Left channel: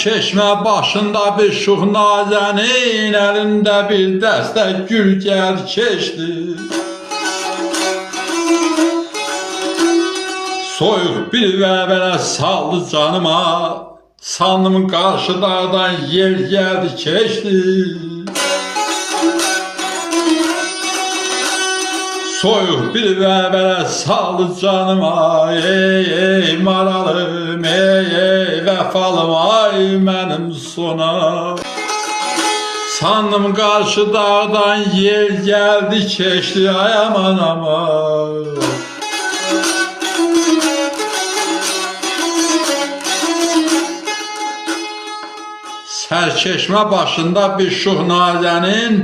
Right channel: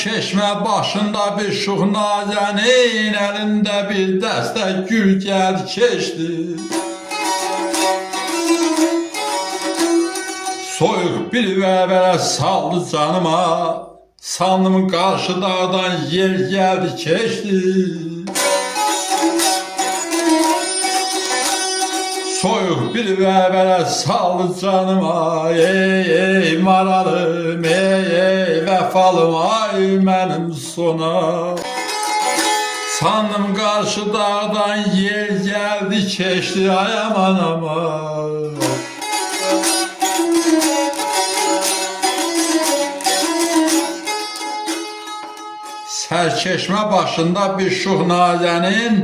çeşmə başında bir şux nazənin, əlində bir dəstə gül gəl keçdi. Soyuq bir vəvərə saldı canıma, sandım qarşı dağdan yer gəldi keçdi. Soyuq bir vəvərə saldı canıma, ey maralım, ey vəfalım, ay mənim sona. Sandım qarşı dağdan yer gəldi keçdi, ay aman aman. Sərçeşmə başında bir şux nazənin,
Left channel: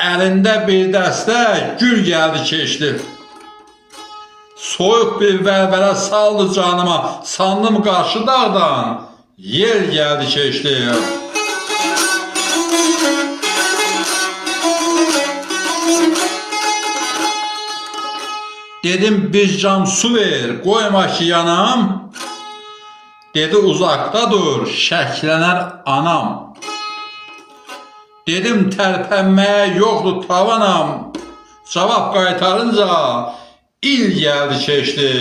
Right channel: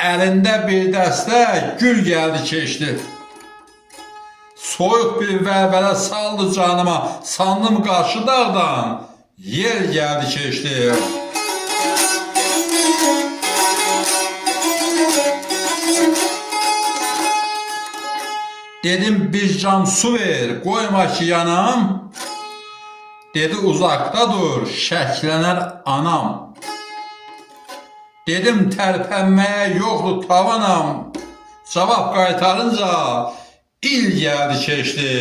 əlində bir dəstə gül gəldi keçdi. Soyuq bir vəlvələ saldı canıma, sandım qarşı dağdan yer gəldi keçdi. Dedim bir cam su ver, qoyma ki yanam. Dedi uzaqda dur, şəklənər anam. Dedim tərpənməyə yoxdur tavanam. Cavab qaytarınca il gəldi keçdi.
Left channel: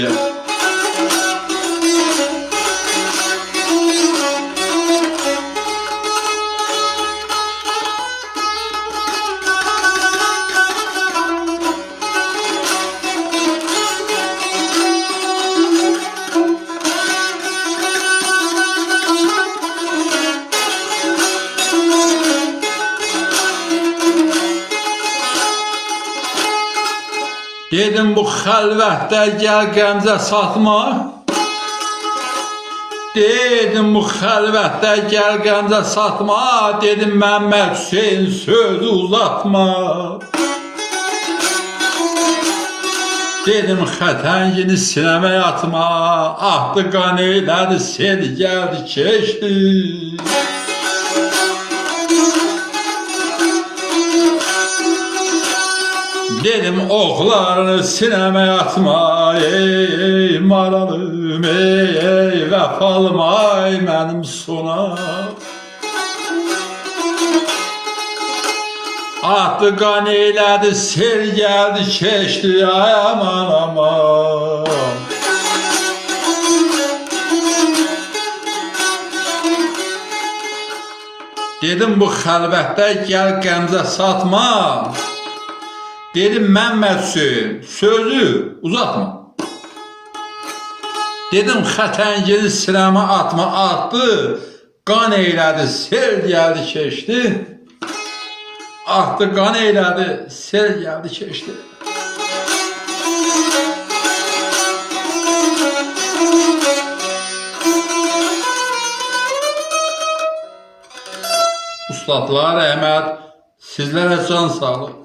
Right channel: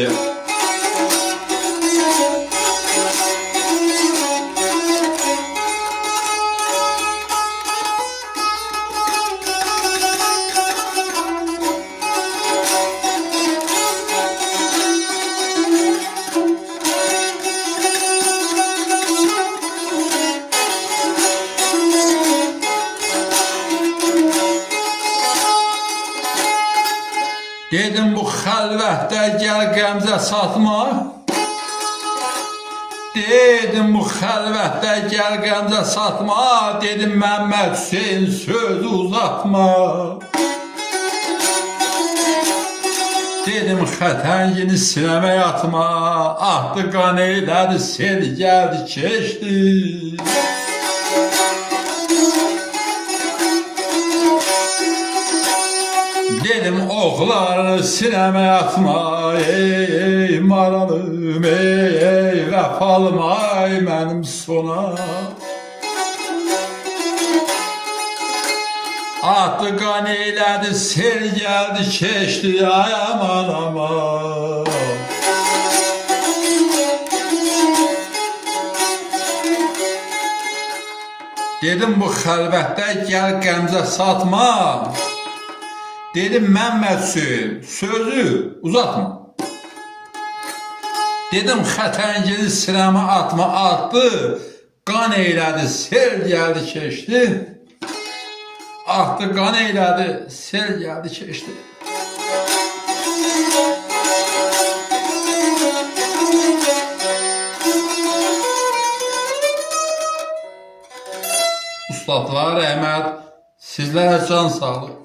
Dedim bu xəlvətdə gəl qəmzə satma. Dedim bu xəlvətdə gəl qəmzə satma. Dedim Məmməd Hüseyin sözü uzatma. Dedim xətəngini sinəmə yatma. Ahdı qan eylədi, sel gəldi keçdi. Dedim oxlarını sinəmə atma, ey maralım, ey vəfalım, ay mənim sona. Atdı qan eylədi, sel gəldi keçdi, ay aman aman. Dedim bu xəlvətdə gəl qəmzə satma. Dedim Məmməd Hüseyin sözü uzatma. Dedim xətəngini sinəmə atma, atdı, qan eylədi, sel gəldi keçdi. Atdı qan eylədi, sel gəldi keçdi. Ustadlar rəhmət, sizlərə can sağlıq.